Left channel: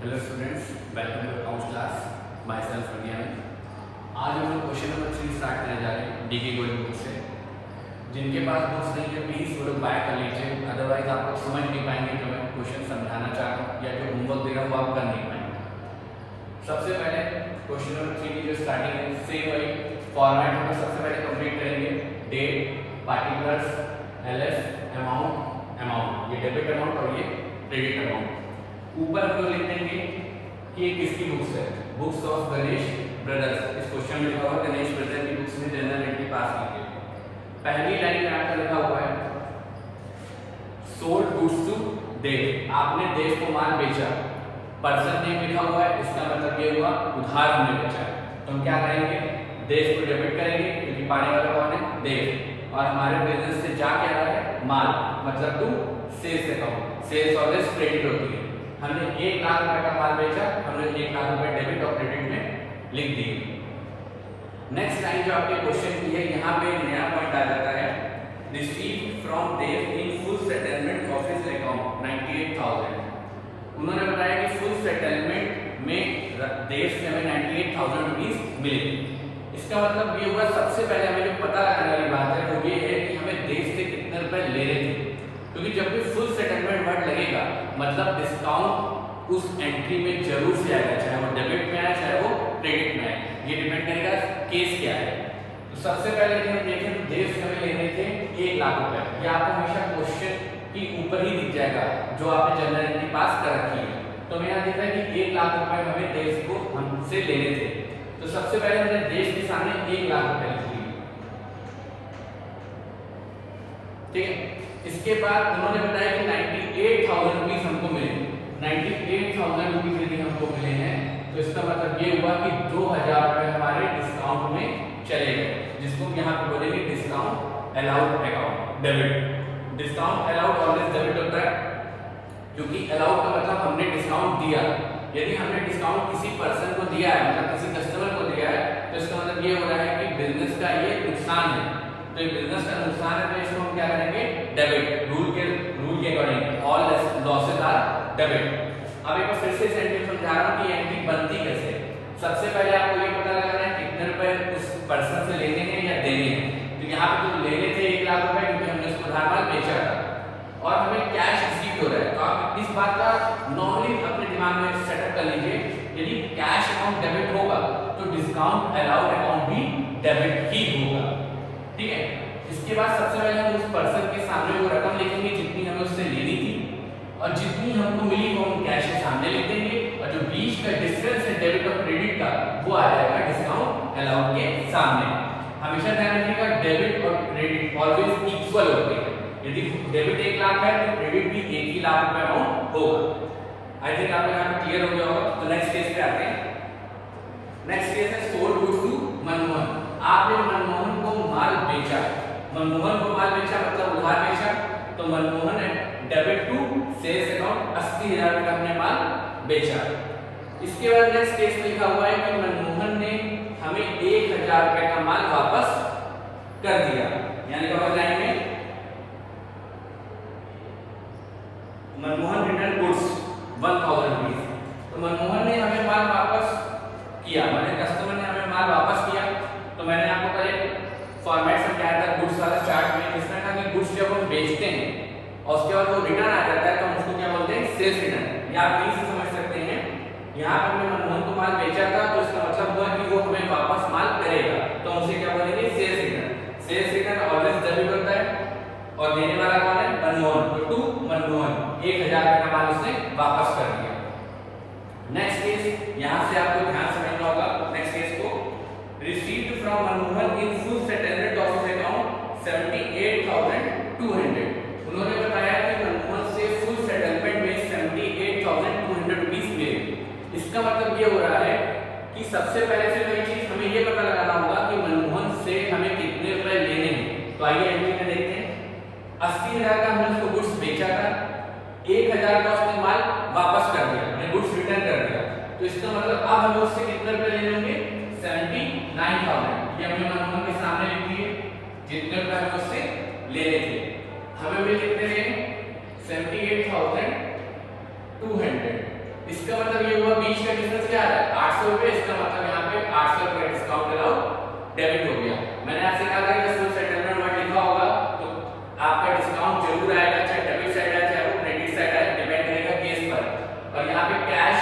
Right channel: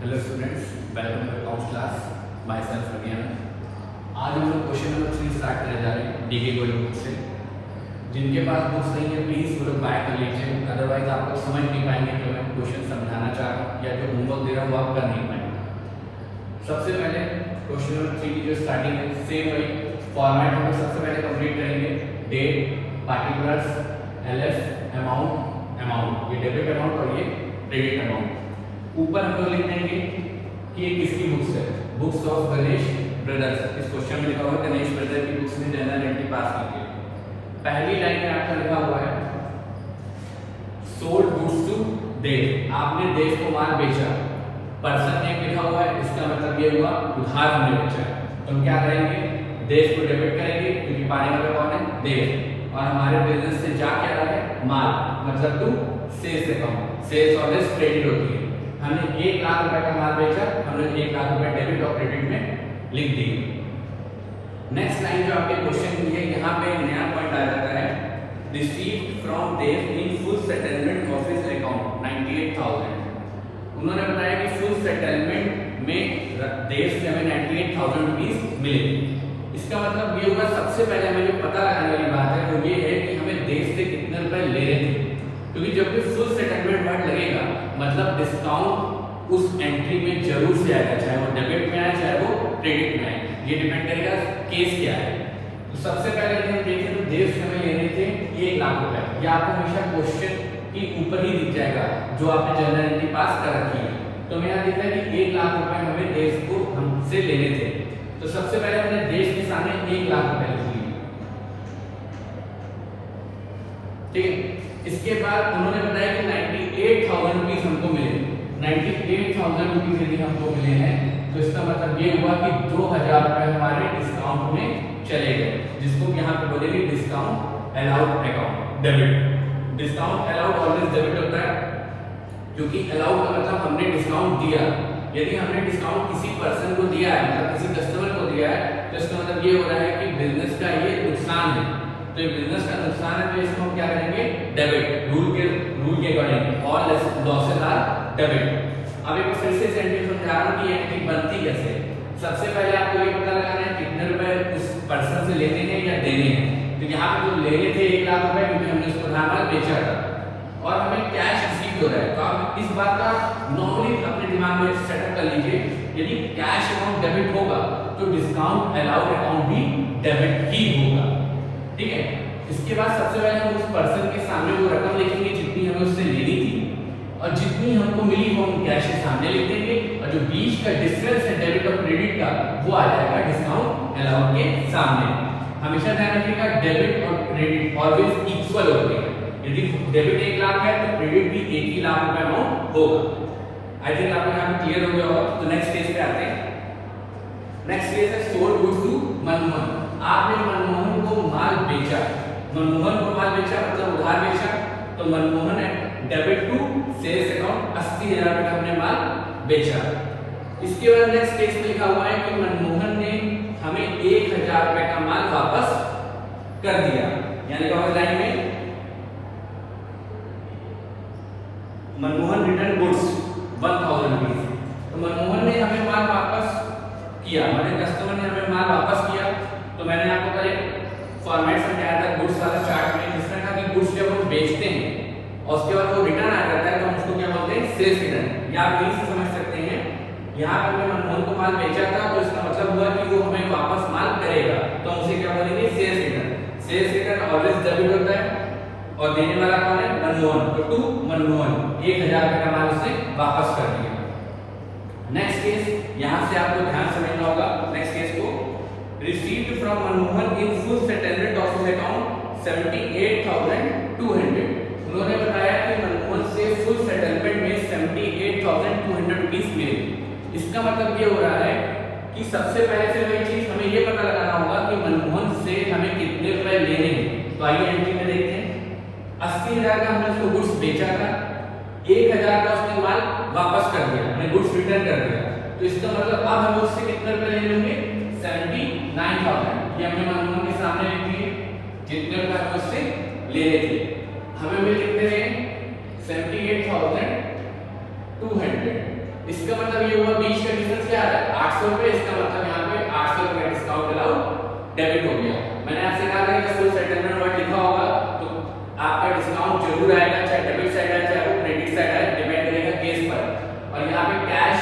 Hello students, welcome to accounts class. Myself Agyan. आज हम लोग क्वेश्चन नंबर 3 स्टार्ट करने जा रहे हैं डीके गोल्ड बुक से। जिनके पास बुक्स नहीं है प्लीज वो लोग बाय कर लीजिए, अदरवाइज आप लोग समझ नहीं पाएंगे कि मैं क्वेश्चन समझाना चाह रहा हूँ या जो होमवर्क दे रहा हूँ वो आप कर नहीं पाएंगे। सबसे पहले क्वेश्चन नंबर 3 की जो स्टार्टिंग है सेम वही फॉर्मेट हम लोग सबसे पहले कंप्लीट करेंगे। डेट, पार्टिकुलर्स, एलएफ, अमाउंट, ये डेबिट अमाउंट और ये क्रेडिट अमाउंट। ऊपर हम लोग लिख देंगे कि ये किसकी बुक्स है, बुक्स ऑफ गणेश ब्रदर्स। इस क्वेश्चन में लिखा हुआ है गणेश ब्रदर की बुक्स में जनरल एंट्री पास कीजिए। पहली लाइन में आपका लिखा हुआ है सोल्ड गुड्स टू देव, आपने देव को माल बेचा। पर्सन नेम लिखा हुआ है, इसका मतलब ये हुआ उधार हमने बेचा। तो हम क्या करेंगे, देव को डेबिट करेंगे क्योंकि पाने वाला कौन है, देव। और हमारे बिजनेस से जा क्या रहा है, माल, मतलब to sales account. Sales always credit होती है। हमने 1 लाख रुपए का माल बेचा, हमने 1 लाख रुपए डेबिट और क्रेडिट में लिख दिए। नेक्स्ट लाइन जो आपके क्वेश्चन की है, यहाँ पे नया पॉइंट आ जाता है received from Dev in full settlement of his account 98,000। उन्होंने बताया कि फुल सेटलमेंट में देव से हमें 98,000 रुपीज मिले। इसका मतलब ये हुआ, सबसे पहले हमें जो पता लगाने वाली बात है वो ये है कि हमें देव से कितने रुपए ले रहे थे, क्योंकि जब भी फुल सेटलमेंट वर्ड लगेगा मतलब डिस्काउंट उस एंट्री में जरूर से आएगा, चाहे वो डेबिट में आए चाहे वो क्रेडिट में आए। ये डिपेंड करेगा केस क्या है। तो सबसे पहले हम देखें तो देश में लेने थे 1 लाख रुपए। ये आपको हमेशा क्वेश्चन की ऊपर ही दिख जाएगा जो आपने जनरल एंट्री पास कर रखी है। तो मैं यहाँ दिख रहा है कि 1 लाख रुपए हमें देश को हमसे लेने थे। तो सबसे पहले हमने देश के सामने 1 लाख रुपए लिख लिए, ठीक है। इसके बाद उन्होंने बताया कि 98,000 रुपीज हमको मिले। 98,000 रुपीज यदि हमको मिले हैं तो इसका मतलब ये हुआ कि 2,000 रुपए हमारे डिस्काउंट में चले गए, जिसको यहाँ पे बोलेंगे discount allowed account, debit. Discount allowed always debit होता है, क्योंकि अलाउड का मतलब हमने डिस्काउंट दिया। यदि हमने डिस्काउंट किसी पर्सन को दिया है, मतलब किसी कस्टमर को दिया है, तो इसका मतलब ये हो रहा है कि बिजनेस का ये नुकसान है। तो ये बिजनेस का नुकसान है, तो इसको हम क्या करेंगे, डेबिट। रूल के according all losses are debit. अब एक फिर से सेंटेंस समझा रहा हूं कि एंट्री बनती कैसे। सबसे पहले आपको ये पता लगाना है कितने रुपए उस पर्सन से लेने हैं या देने हैं। तो यहाँ पे जो लेने थे 1 लाख रुपए, क्योंकि हमने उसको उधार बेचा था और हमें कैश रिसीव हो रहा है। तो आप इस बात का नॉर्मली अपने दिमाग में सेटअप कर लीजिए, यदि कैश अमाउंट डेबिट होगा तो डिस्काउंट अलाउड अकाउंट भी डेबिट ही होगा, ठीक है। इसके बाद सबसे पहले हम उस पर्सन के सामने वो रकम लिखेंगे जितनी हमें उससे लेनी थी, और जितनी हमको मिली वो हम कैश के सामने लिख देंगे, और जो बीच का डिफरेंस है डेबिट और क्रेडिट का वो आ जाएगा डिस्काउंट अलाउड के सामने। हमेशा ध्यान रखिएगा डेबिट और क्रेडिट ऑलवेज इक्वल होते हैं। यदि डेबिट 1 लाख है तो क्रेडिट भी 1 ही लाख रुपए अमाउंट होगा। आई थिंक आपको यहाँ क्लियर हो गया होगा। तो नेक्स्ट केस पे आते हैं। नेक्स्ट केस है सोल्ड गुड्स टू मनमोहन। आपने मनमोहन को माल बेचा, मनमोहन को माल बेचा मतलब उधार बेचा। तो मनमोहन है डेबिट टू सेल्स अकाउंट 80,000 रुपए का हमने माल बेचा। इसके बाद नेक्स्ट केस में लिखा हुआ है कि मनमोहन ने हमें 1,000 रुपए का माल वापस कर दिया, यानी क्या होगा लाइन में मनमोहन रिटर्न गुड्स 1,000 रुपीज। तो मनमोहन ने हमें माल वापस किया, मतलब कस्टमर ने हमें माल वापस किया। तो मैंने आपको पहले फॉर्मेट समझाया था गुड्स वाला चार्ट में, जिसमें कहा कि गुड्स जब हम बेचते हैं और उसके बाद वो रिटर्न आ जाता है तो हम उसको क्या बोलते हैं, सेल्स रिटर्न। या आप यही समझ सकते हैं, यहाँ पे हमने मनमोहन को माल बेचा था तो इसका मतलब हुआ कि वो हमें वापस माल करेगा, तो हमसे क्या बोलेंगे, sales return. Sales return always debit होता है और देने वाला कौन है, मनमोहन। तो टू मनमोहन 1,000 रुपए का माल उसने वापस कर दिया। नेक्स्ट केस, यहाँ से आपको ध्यान से समझना होगा नेक्स्ट केस को। Received from Manmohan in full settlement of his account 78,200। उन्होंने बताया कि मनमोहन से फुल सेटलमेंट में 78,200 रुपीज मिले। इसका मतलब ये हो रहा है कि सबसे पहले से वही चीज हमें ये पता लगाना होगा कि मनमोहन से हमें कितने रुपए लेने हैं। तो आइए एंट्री में देखते हैं। 80,000 का हमने उसको गुड्स बेचा था, 1,000 का उसने माल वापस कर दिया, हमने गुड्स रिटर्न कर दिया। तो इसका मतलब अब हम उससे कितने रुपए ले लेंगे, 79,000। ये हमने मनमोहन के सामने लिख दिए, जितने रुपए हम उससे ले लेते हमें मिल कितने हैं, 78,200। इसका मतलब ये हुआ बीच का डिफरेंस क्या आ रहा है 800 रुपए, इसका मतलब यहाँ पे 800 रुपए डिस्काउंट अलाउड डेबिट हो गया। मैंने आपसे कहा था कि फुल सेटलमेंट वर्ड लिखा होगा तो आपका डिस्काउंट जरूर आएगा, चाहे डेबिट साइड आए चाहे क्रेडिट साइड आए, डिपेंड करेगा केस पर। और यहाँ पे कैश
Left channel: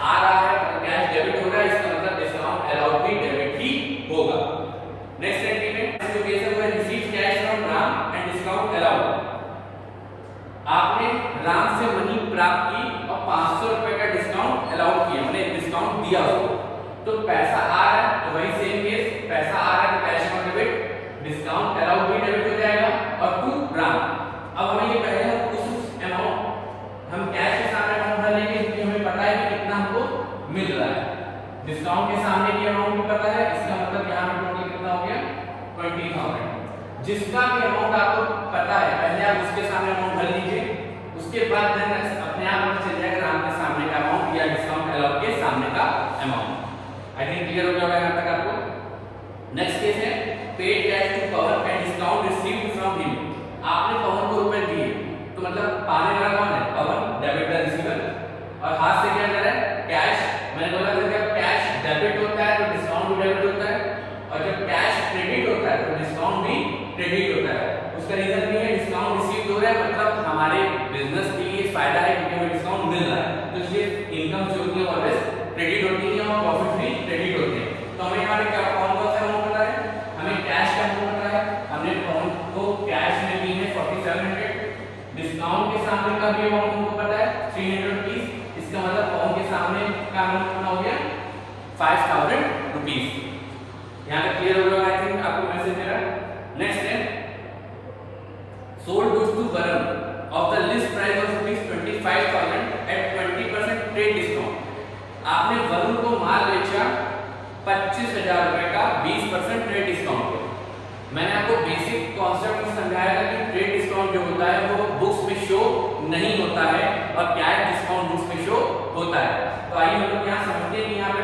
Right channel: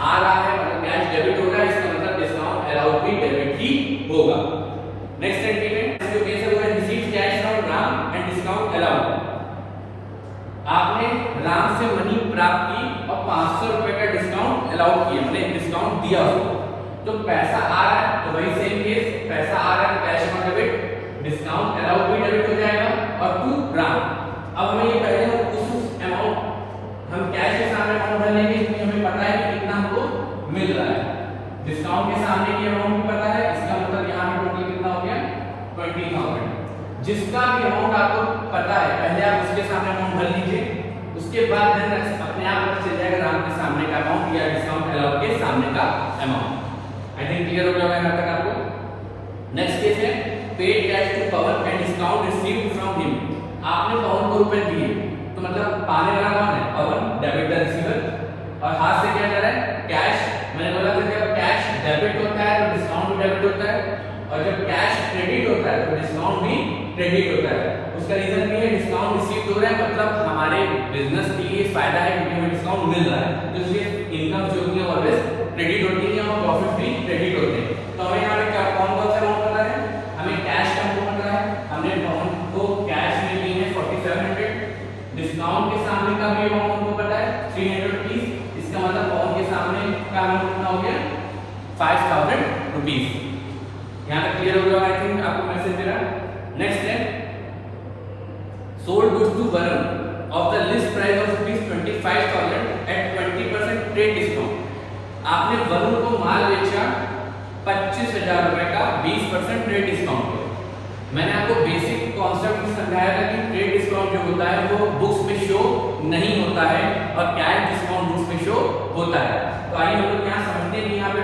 आ रहा है मतलब कैश डेबिट हो रहा है, इसका मतलब डिस्काउंट अलाउड भी डेबिट ही होगा। नेक्स्ट सेंटीमेंट जो केस है वो है receive cash from Ram and discount allowed. आपने राम से मनी प्राप्त की और 500 रुपए का डिस्काउंट अलाउड किया, मैंने डिस्काउंट दिया हो तो पैसा आ रहा है तो वही सेम केस, पैसा आ रहा है तो cash amount debit, discount allowed भी डेबिट हो जाएगा और टू राम। अब हमें ये पहले हम उस अमाउंट हम कैश के सामने अमाउंट भर लेंगे क्योंकि हमें पता है कि कितना हमको मिल रहा है, डिस्काउंट के सामने की अमाउंट भी पता है, इसका मतलब यहाँ पर टोटल कितना हो गया 20,000। जिसका भी अमाउंट आपको पता है पहले आप उसके सामने अमाउंट भर लीजिए, उसके बाद अपने आप पता चल जाएगा राम के सामने का अमाउंट या डिस्काउंट अलाउड के सामने का अमाउंट। आई थिंक क्लियर हो गया यहाँ तक आपको। नेक्स्ट केस है paid cash to Pawan and discount received from him. आपने पवन को रुपए दिए तो मतलब पाने वाला कौन है पवन, डेबिट का रिसीवर, और हाथ से क्या कर रहा है कैश। मैंने बोला था जब कैश डेबिट होता है तो डिस्काउंट भी डेबिट होता है और जब कैश क्रेडिट होता है तो डिस्काउंट भी क्रेडिट होता है। उसका रीजन भी है डिस्काउंट रिसीव हो रहा है मतलब हमारे बिजनेस के लिए फायदा है क्योंकि हमें डिस्काउंट मिल रहा है, तो इसलिए इनकम जो होती है ऑलवेज क्रेडिट होती है और प्रॉफिट भी क्रेडिट होते हैं। तो हमें यहाँ पे क्या कौन कौन सा अमाउंट पता है, हमें कैश का अमाउंट पता है, हमने अमाउंट को कैश में ली है 4700, डिस्काउंट के सामने का भी अमाउंट हमको पता है 300 रुपीस, इसका मतलब पवन के सामने का अमाउंट कितना हो गया 5000 रुपीस। यहाँ तक क्लियर हो गया आई थिंक आपको मैसेज मिला। नेक्स्ट है sold goods to Varun of the list price of ₹25,000 at 20% trade discount. आपने वरुण को माल बेचा 25,000 रुपए का 20% ट्रेड डिस्काउंट पे। मैंने आपको बेसिक कॉन्सेप्ट समझाया था कि ट्रेड डिस्काउंट जो होता है वो बुक्स में शो नहीं होता है और कैश डिस्काउंट बुक्स में शो होता है। तो आइए हम लोग यहाँ समझते हैं। यहाँ पे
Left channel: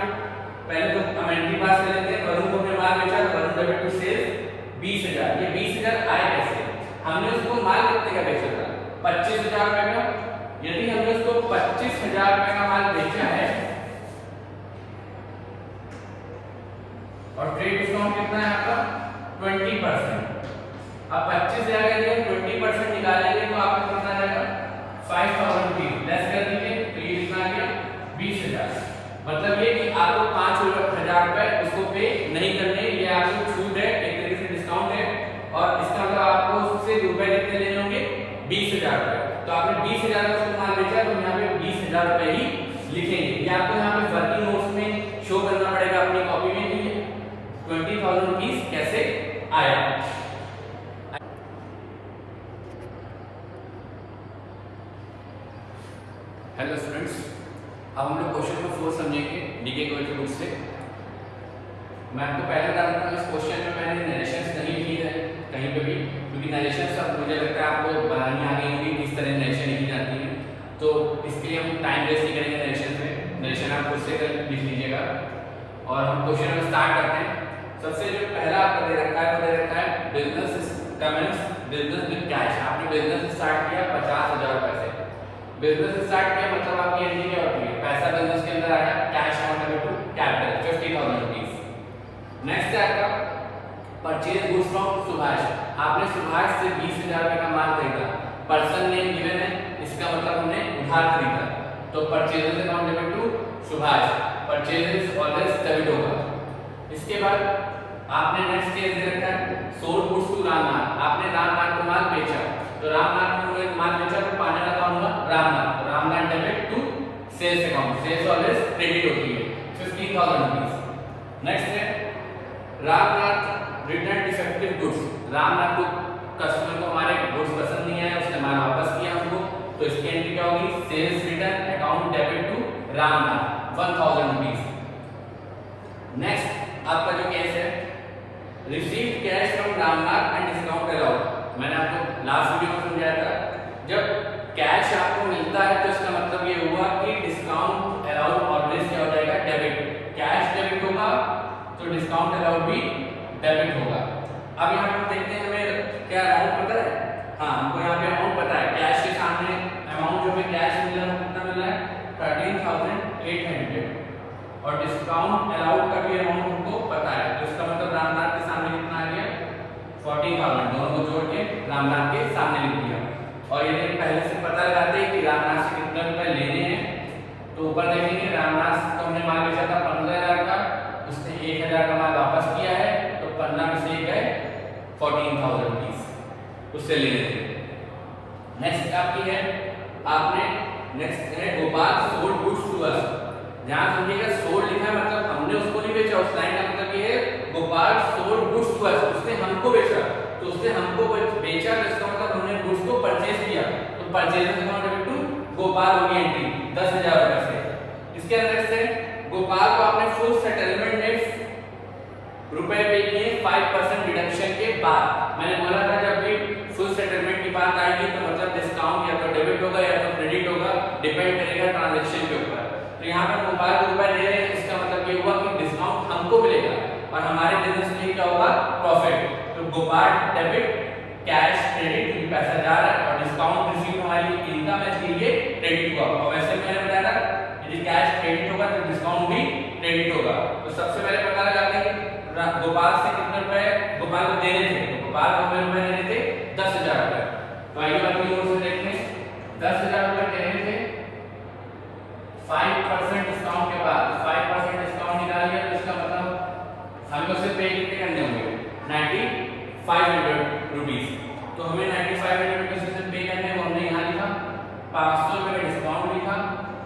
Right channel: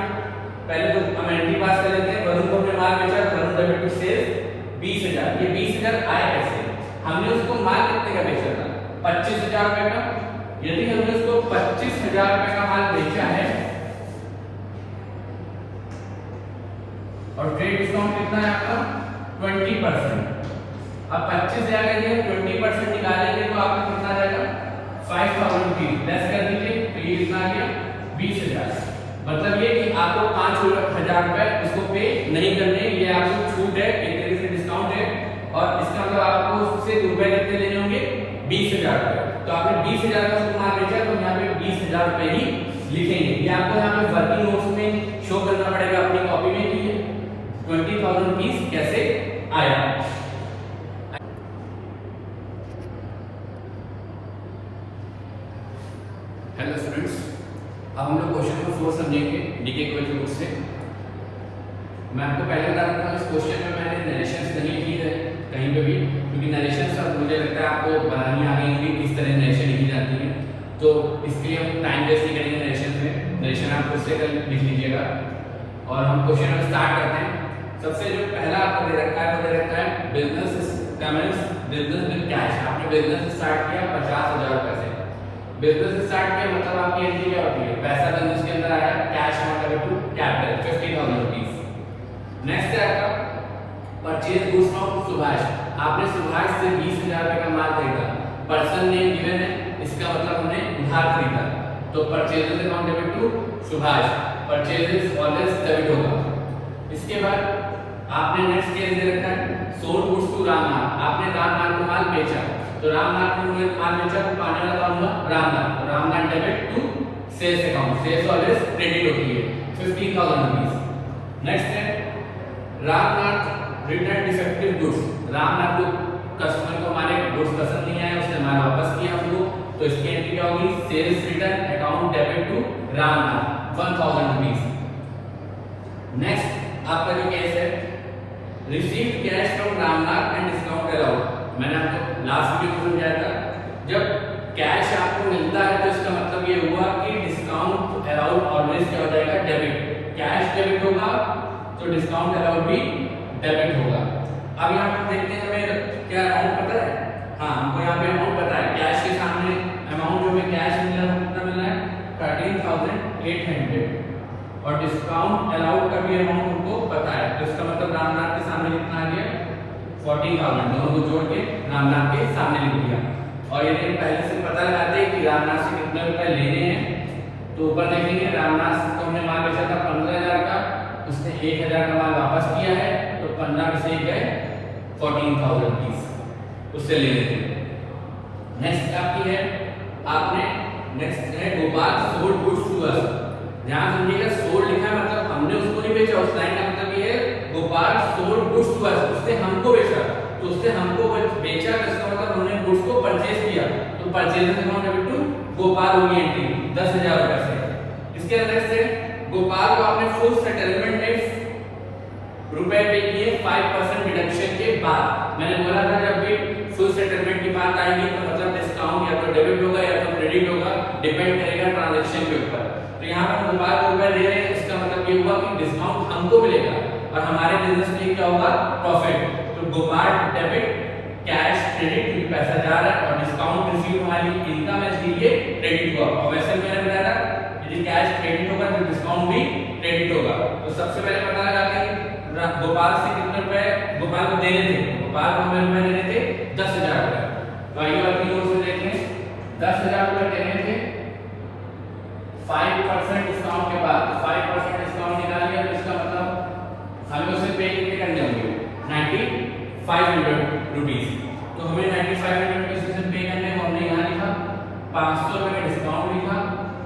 पहले तो हम एंट्री पास कर लेते हैं। वरुण को हमने माल बेचा, वरुण डेबिट टू सेल्स 20,000। ये 20,000 आए कैसे, हमने उसको माल कितने का बेचा था 25,000 रुपए का। यदि हमने उसको 25,000 रुपए का माल बेचा है और ट्रेड डिस्काउंट कितना है आपका 20%। अब 25,000 के लिए 20% निकालेंगे तो आपको कितना आ जाएगा 5,000 रुपीज। लेस कर दीजिए तो ये कितना आ गया 20,000। मतलब ये कि आपको 5,000 रुपए उसको पे नहीं करने, ये आपको छूट है, एक तरीके से डिस्काउंट है। और इसका मतलब आपको उससे रुपए कितने लेने होंगे 20,000 रुपए। तो आपने 20,000 का सामान बेचा तो यहाँ पे 20,000 रुपए ही लिखेंगे। ये आपको यहाँ पे वर्किंग नोट्स में शो करना पड़ेगा अपनी कॉपी में कि 20,000 रुपीज कैसे आया। हेलो स्टूडेंट्स, अब हम लोग क्वेश्चन नंबर 4 समझेंगे डीके क्वेश्चन बुक से। मैं आपको पहले बता देता हूँ इस क्वेश्चन में मैंने नरेशन नहीं लिखी है कहीं पे भी, क्योंकि नरेशन सब मुझे लगता है आपको बनानी आ रही होगी किस तरह नरेशन लिखी जाती है, तो इसके लिए हम टाइम वेस्ट नहीं करेंगे नरेशन में। नरेशन आप खुद से लिख लीजिएगा और हम क्वेश्चन में स्टार्ट करते हैं। सबसे जो पहला आपको दे रखा है business comments business with cash. आपने बिजनेस स्टार्ट किया 50,000 रुपए से। बिजनेस स्टार्ट किया मतलब आपकी एंट्री क्या होती है, पैसा बिजनेस के अंदर आया, cash amount to capital 50,000 rupees. Next है आपका परचेज गुड्स फ्रॉम सुभाष। आपने सुभाष से 20,000 रुपए का माल खरीदा, पर्सन नेम गिवन है, इसका मतलब हमने उधार खरीदा, तो purchase amount debit to Subhash, purchase always debit होगा। इसके बाद आपने नेक्स्ट केस दे रखा है सोल्ड गुड्स टू रामनाथ। आपने रामनाथ को माल बेचा, तो रामनाथ को माल बेचा तो पाने वाला कौन हुआ रामनाथ, तो Ramnath debit to sales account, sales always credit होती है 50,000 रुपीस। नेक्स्ट है Ramnath return defective goods. Ramnath को कस्टमर को हमारे गुड्स पसंद नहीं आया, उसने माल वापस किया हमको, तो इसकी एंट्री क्या होगी sales return account debit to Ramnath 1,000 rupees. Next आपका जो केस है receive cash from Ramnath and discount allowed. मैंने आपको लास्ट वीडियो में समझाया था जब कैश आपको मिलता है तो इसका मतलब ये हुआ कि डिस्काउंट अलाउड ऑलवेज क्या हो जाएगा डेबिट, कैश डेबिट होगा तो डिस्काउंट अलाउड भी डेबिट होगा। अब यहाँ पर देखते हैं हमें क्या अमाउंट पता है, हाँ हमको यहाँ पे अमाउंट पता है, कैश के सामने अमाउंट जो हमें कैश मिल रहा है 13,800 और डिस्काउंट अलाउड का भी अमाउंट हमको पता है, तो इसका मतलब रामनाथ के सामने कितना आ गया 14,000, दोनों को जोड़ के रामनाथ के सामने लिख दिया। और ये पहले से पता लगाते हैं कि रामनाथ से कितने रुपए लेने हैं, तो ऊपर देखेंगे रामनाथ से तो हमने माल बेचा था 15,000 का, उसने 1,000 का माल वापस किया है, तो 15 में से गए 14,000 रुपीस उससे लेने थे। नेक्स्ट आपकी है, आपने नेक्स्ट है Gopal sold goods to us. ध्यान समझिएगा, सोल्ड लिखा है मतलब हमने उसको नहीं बेचा, उस लाइन का मतलब ये है Gopal sold goods to us, उसने हमको बेचा, तो उसने हमको बेचा, इसका मतलब हमने गुड्स को परचेज किया, तो purchase amount debit to Gopal होगी एंट्री 10,000 रुपए से। इसके अंदर से गोपाल को आपने फुल सेटलमेंट डेट रुपए पे किए 5% डिडक्शन के बाद। मैंने बोला था जब भी फुल सेटलमेंट की बात आएगी तो मतलब डिस्काउंट या तो डेबिट होगा या तो क्रेडिट होगा, डिपेंड करेगा ट्रांजैक्शन के ऊपर। तो यहाँ पर गोपाल को ऊपर दे रहे हैं, इसका मतलब ये हुआ कि डिस्काउंट हमको मिलेगा और हमारे बिजनेस के लिए क्या होगा प्रॉफिट। तो गोपाल डेबिट कैश क्रेडिट क्योंकि पैसा जा रहा है और डिस्काउंट रिसीव हमारी इनकम है इसलिए क्रेडिट हुआ। और वैसे मैंने बताया यदि कैश क्रेडिट होगा तो डिस्काउंट भी क्रेडिट होगा। तो सबसे पहले पता लगाते हैं गोपाल से कितने रुपए गोपाल को देने थे, गोपाल को हमें रुपए देने थे 10,000 रुपए। तो आइए बात की ओर से देखते हैं 10,000 रुपए देने थे 5% डिस्काउंट के बाद, 5% डिस्काउंट निकाल लिया तो इसका मतलब हमें उसे पे कितने करने होंगे 9,500 रुपीस। तो हमें 9,500 रुपए पे करने हैं, हमने यहाँ लिखा 500 रुपए का डिस्काउंट लिखा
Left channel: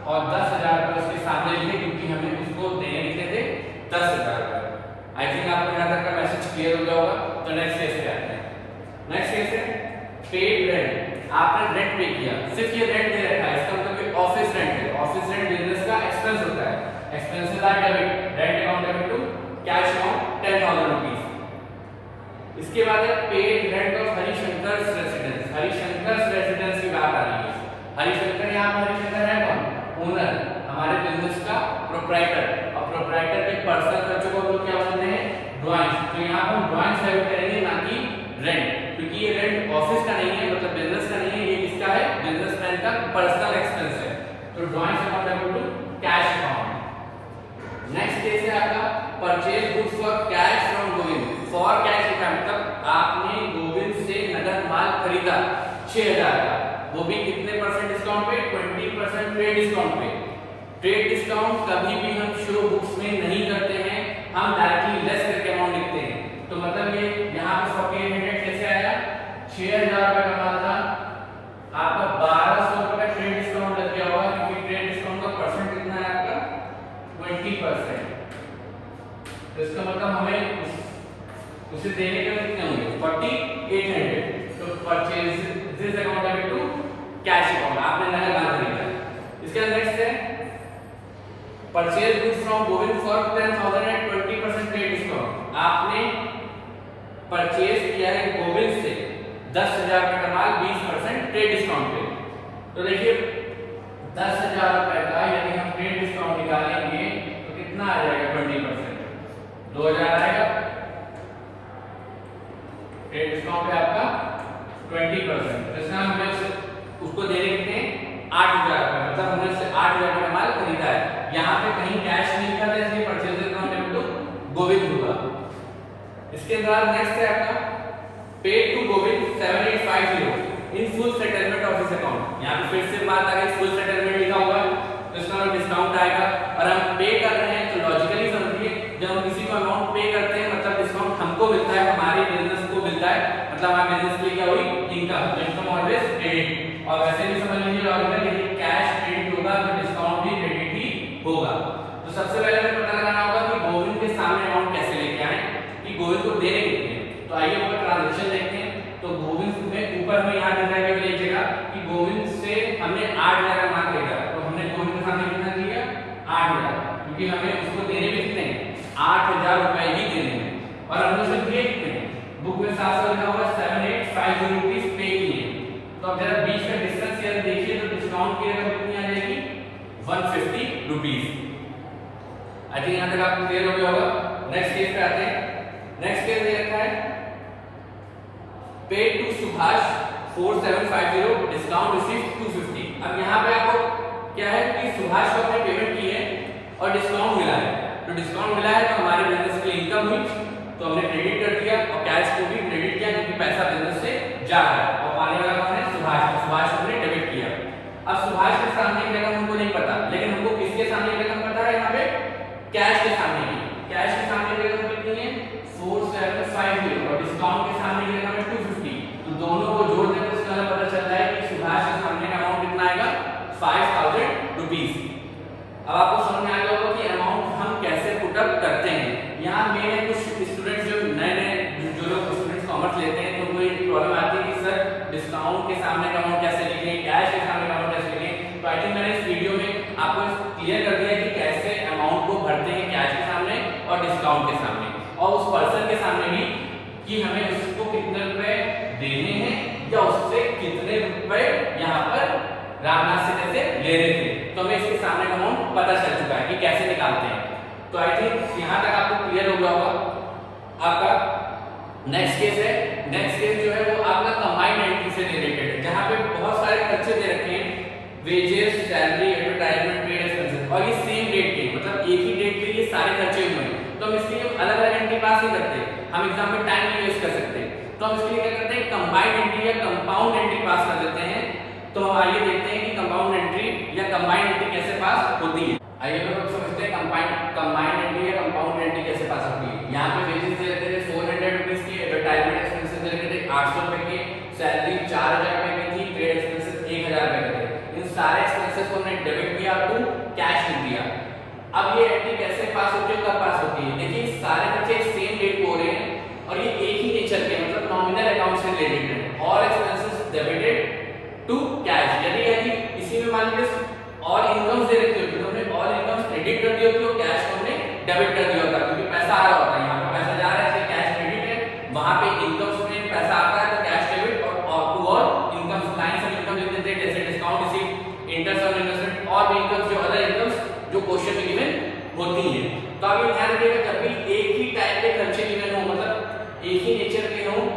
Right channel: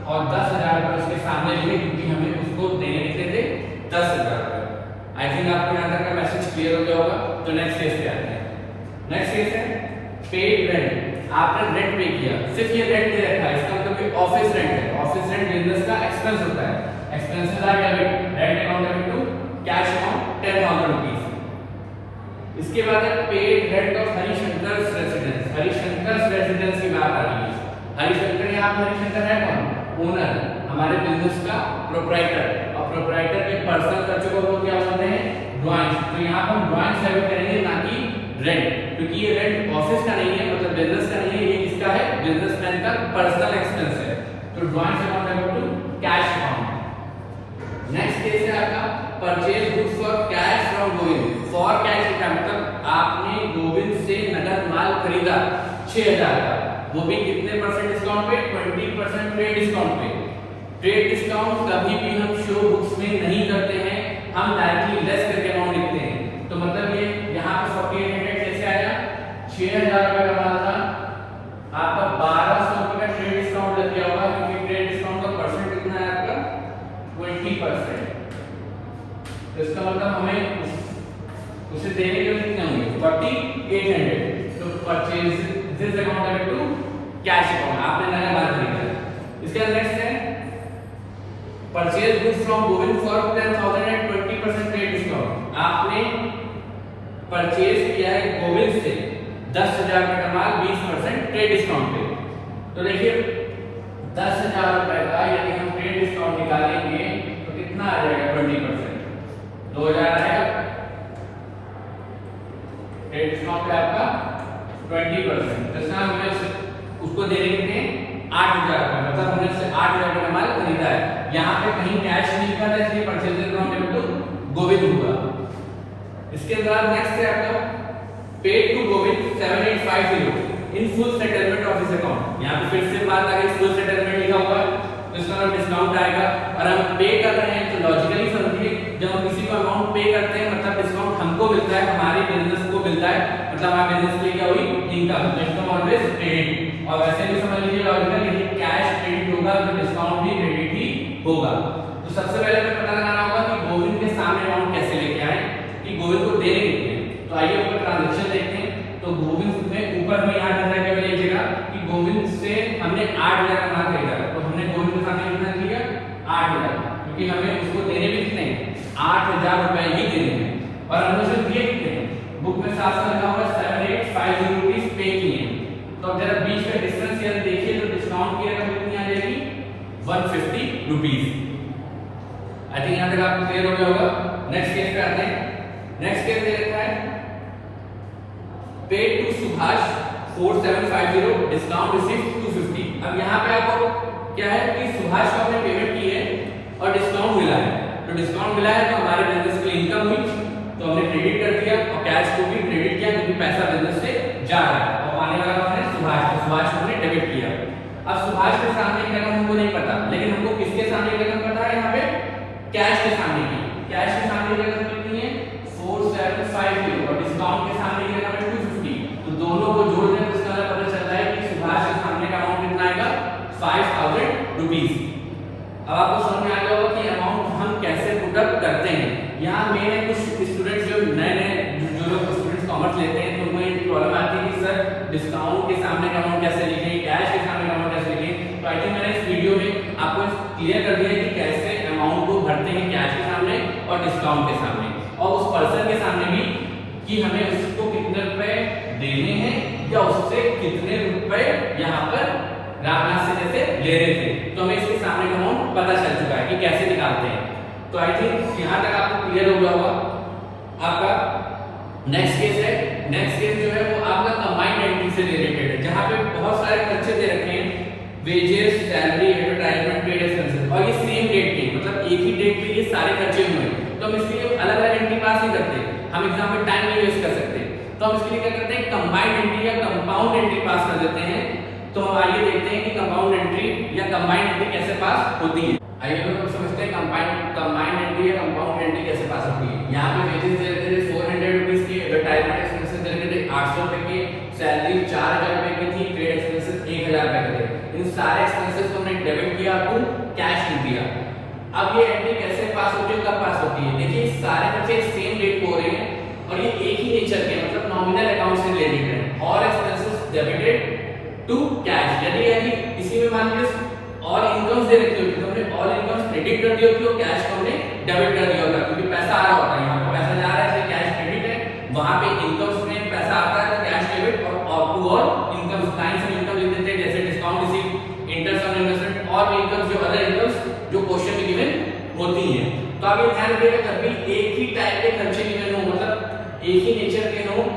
और 10,000 रुपए उसके सामने लिखे क्योंकि हमें उसको देने थे 10,000 रुपए। आई थिंक आपको यहाँ तक का मैसेज क्लियर हो गया होगा। तो नेक्स्ट केस पे आते हैं। नेक्स्ट केस है पेड रेंट। आपने रेंट पे किया, सिर्फ ये रेंट नहीं रखा है, इसका मतलब कि ऑफिस रेंट है। ऑफिस रेंट बिजनेस का एक्सपेंस होता है, expenses are debit, rent account debit to cash amount 10,000 rupees. इसके बाद है paid rent of Harishankar residence. Harishankar residence की बात आ रही है। हरिशंकर यहाँ हरिशंकर है कौन? ओनर, हमारे बिजनेस का प्रोप्राइटर। और प्रोप्राइटर के पर्सनल खर्चों को क्या बोलते हैं ड्राइंग। तो यहाँ पर हम ड्राइंग सर्व करेंगे ना कि रेंट, क्योंकि ये रेंट ऑफिस का नहीं है, मतलब बिजनेस का नहीं है, ये किसका है बिजनेसमैन का पर्सनल एक्सपेंस है। तो ड्राइंग से मतलब कैश अकाउंट। नेक्स्ट केस है आपका purchase goods for cash from Govind. For cash लिखा मतलब आपने गोविंद से नगद माल खरीदा 6,000 का, वो भी कितने परसेंट डिस्काउंट पे 20% ट्रेड डिस्काउंट पे। ट्रेड डिस्काउंट कभी भी हम शो बुक्स में नहीं करते हैं, हम डायरेक्टली लेस करके अमाउंट लिखते हैं। तो मतलब ये यहाँ पे 4800 कैसे आया 6,000 रुपए का माल था, आपका 1,200 रुपए का ट्रेड डिस्काउंट लग गया होगा क्योंकि ट्रेड डिस्काउंट का परसेंट कितना है आपका 20%। तो इसका मतलब हमें उसे देने के लिए कितने होंगे 4,800। तो purchase this account debit to cash account, आपने नया माल खरीदा। इसके नेक्स्ट है purchase goods from Govind for 10,000 at 20% trade discount. आपने परचेज किया है गोविंद से 10,000 का माल 20% ट्रेड डिस्काउंट पे। तो देखिए 10,000 रुपए का यदि हम ट्रेड डिस्काउंट निकालेंगे तो कितना आ जाएगा 20%, 2,000 आएगा। ट्रेड डिस्काउंट पे आपका 20%, तो इसका हमें उसको देने कितने 8,000 रुपए, मतलब हमने इससे 8,000 का माल खरीदा है। यहाँ पे कहीं कैश नहीं कर रहे, इसलिए purchase account debit to Govind होगा। इसके बाद नेक्स्ट है आपका paid to Govind 7,850 in full settlement of this account. यहाँ पे फिर से बात आ गई फुल सेटलमेंट लिखा हुआ है तो इसका डिस्काउंट आएगा और हम पे कर रहे हैं। तो लॉजिकली समझिए जब हम किसी को अमाउंट पे करते हैं मतलब डिस्काउंट हमको मिलता है, हमारे बिजनेस को मिलता है, मतलब हमारे बिजनेस के लिए क्या हुई इनकम, इनकम ऑलवेज क्रेडिट। और वैसे भी समझ लीजिए लॉजिकली यदि कैश क्रेडिट होगा तो डिस्काउंट भी क्रेडिट ही होगा। तो सबसे पहले हमें पता लगाना होगा कि गोविंद के सामने अमाउंट कैसे लेके आए कि गोविंद को दे कितने। तो आइए ऊपर ट्रांजैक्शन देखते हैं। तो गोविंद में ऊपर हमें यहाँ देना है लीजिएगा कि गोविंद से हमने 8,000 का माल खरीदा, तो हमने गोविंद के सामने कितना दिया 8,000, क्योंकि हमें उसको देने भी कितने 8,000 रुपए ही देने हैं और हमने उसे दिए कितने बुक में 700 लिखा होगा 7,850 रुपीस पे किए। तो अब जरा बीच का डिस्टेंस यदि देखिए तो डिस्काउंट की रकम कितनी आ जाएगी 150 रुपीस। आई थिंक यहाँ तक आपको क्लियर हो गया होगा। नेक्स्ट केस पे आते हैं। नेक्स्ट केस दे रखा है paid to Subhash 4,750 discount receive 250। अब यहाँ पे आपको क्या है कि सुभाष को हमने पेमेंट की है और डिस्काउंट मिला है, तो डिस्काउंट मिला है तो हमारे बिजनेस में इनकम हुई, तो हमने क्रेडिट कर दिया और कैश को भी क्रेडिट किया क्योंकि पैसा बिजनेस से जा रहा है और पाने वाला कौन है? सुभाष को हमने डेबिट किया। अब सुभाष के सामने की रकम हमको नहीं पता, लेकिन हमको किसके सामने की रकम पता है? यहाँ पे कैश के सामने की, कैश के सामने की रकम कितनी है? 4750 और डिस्काउंट के सामने की रकम है 250, तो दोनों को जोड़ दें तो इसका पता चलता है कि सुभाष के सामने का अमाउंट कितना आएगा? 5000 रुपीस। अब आपको समझ में आ गया होगा कि अमाउंट हम कैसे पुटअप करते हैं। यहाँ मेन है कुछ स्टूडेंट्स जो नए जो लोग स्टूडेंट्स कॉमर्स लेते हैं तो उनको एक प्रॉब्लम आती है कि सर डिस्काउंट के सामने का अमाउंट कैसे लिखें, कैश के सामने का अमाउंट कैसे लिखें। तो आई थिंक मैंने इस वीडियो में आपको क्लियर कर दिया कि कैसे अमाउंट को भरते हैं कैश के सामने और डिस्काउंट के सामने, और उस पर्सन के सामने भी कि हमें उसको कितने रुपए देने हैं या उससे कितने रुपए यहाँ पर रामनाथ से लेने थे, तो हमें इसके सामने का अमाउंट पता चल चुका है कि कैसे निकालते हैं। तो आई थिंक यहाँ तक आपको क्लियर हो गया होगा। आपका नेक्स्ट केस है, नेक्स्ट केस जो है वो आपका कंबाइंड एंट्री से रिलेटेड है, जहाँ पे बहुत सारे खर्चे दे रखे हैं, wages, salary, advertisement, paid expenses, और ये सेम डेट के मतलब एक ही डेट के लिए सारे खर्चे हुए हैं, तो हम इसके लिए अलग अलग एंट्री पास नहीं करते, हम एग्जाम में टाइम नहीं वेस्ट कर सकते, तो हम इसके लिए क्या करते हैं? कंबाइंड एंट्री या कंपाउंड एंट्री पास कर देते हैं। तो आइए देखते हैं कि कंपाउंड एंट्री या कंबाइंड एंट्री कैसे पास होती है। आइए हम लोग समझते हैं कंबाइंड एंट्री या कंपाउंड एंट्री कैसे पास होती है। यहाँ पे वेजेस दे रखे थे 400 रुपीस की, एडवर्टाइजमेंट एक्सपेंसेस दे रखे थे 800 रुपए के, सैलरी 4000 रुपए की थी, पेड एक्सपेंसेस 1000 रुपए के थे। इन सारे एक्सपेंसेस को हमने डेबिट किया टू कैश लिख दिया। अब ये एंट्री कैसे पास होती है, कब पास होती है? देखिए सारे खर्चे सेम डेट को हो रहे हैं और ये एक ही नेचर के मतलब नॉमिनल अकाउंट से रिलेटेड है, all expenses debited to cash. यदि इसी में मान लीजिए और इनकम्स दे रखी होती तो हमने ऑल इनकम्स क्रेडिट कर दी होती और कैश को हमने डेबिट कर दिया होता, क्योंकि पैसा आ रहा होता है, यहाँ पे पैसा जा रहा है इसलिए कैश क्रेडिट है, वहां पे इनकम्स में पैसा आता है तो कैश डेबिट, और टू ऑल इनकम्स लाइन से इनकम लिख देते हैं जैसे discount receive, interest on investment और इनकम्स जो अदर इनकम्स जो क्वेश्चन में गिवन होती है। तो आप ये ध्यान रखिएगा कभी एक ही टाइप के खर्चे गिवन हो, मतलब एक ही नेचर के हो,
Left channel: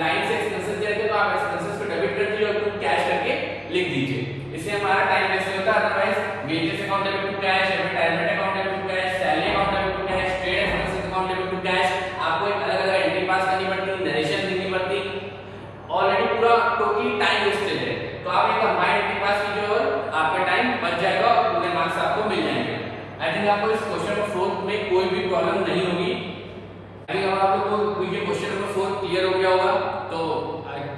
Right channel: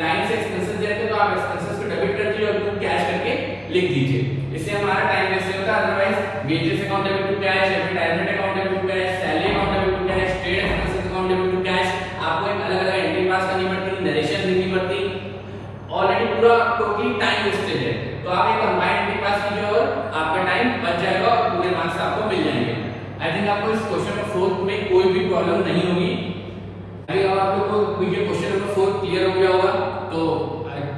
लाइन से एक्सपेंसेस दे रहे तो आप एक्सपेंसेस को डेबिट कर दीजिए और कैश करके लिख दीजिए, इससे हमारा टाइम वेस्ट होता है। Otherwise wages account debit to cash, advertisement account debit to cash, salary account debit to cash, paid expenses account debit to cash, आपको एक अलग अलग एंट्री पास करनी पड़ती, नरेशन लिखनी पड़ती, ऑलरेडी पूरा टोटली टाइम वेस्टेज है। तो आप ये कंबाइंड एंट्री पास कीजिए और आपका टाइम बच जाएगा और पूरे मार्क्स आपको मिल जाएंगे। आई थिंक आपको इस क्वेश्चन नंबर 4 में कोई भी प्रॉब्लम नहीं होगी। अभी आप लोग को ये क्वेश्चन नंबर 4 क्लियर हो गया होगा, तो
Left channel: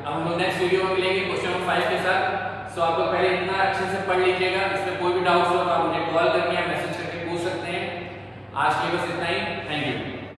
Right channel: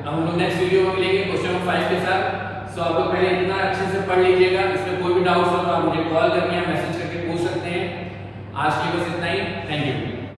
हम लोग नेक्स्ट वीडियो में मिलेंगे क्वेश्चन नंबर 5 के साथ। सो आप लोग पहले इतना अच्छे से पढ़ लीजिएगा, इसमें कोई भी डाउट हो तो आप मुझे कॉल करके या मैसेज करके पूछ सकते हैं। आज के लिए बस इतना ही, थैंक यू।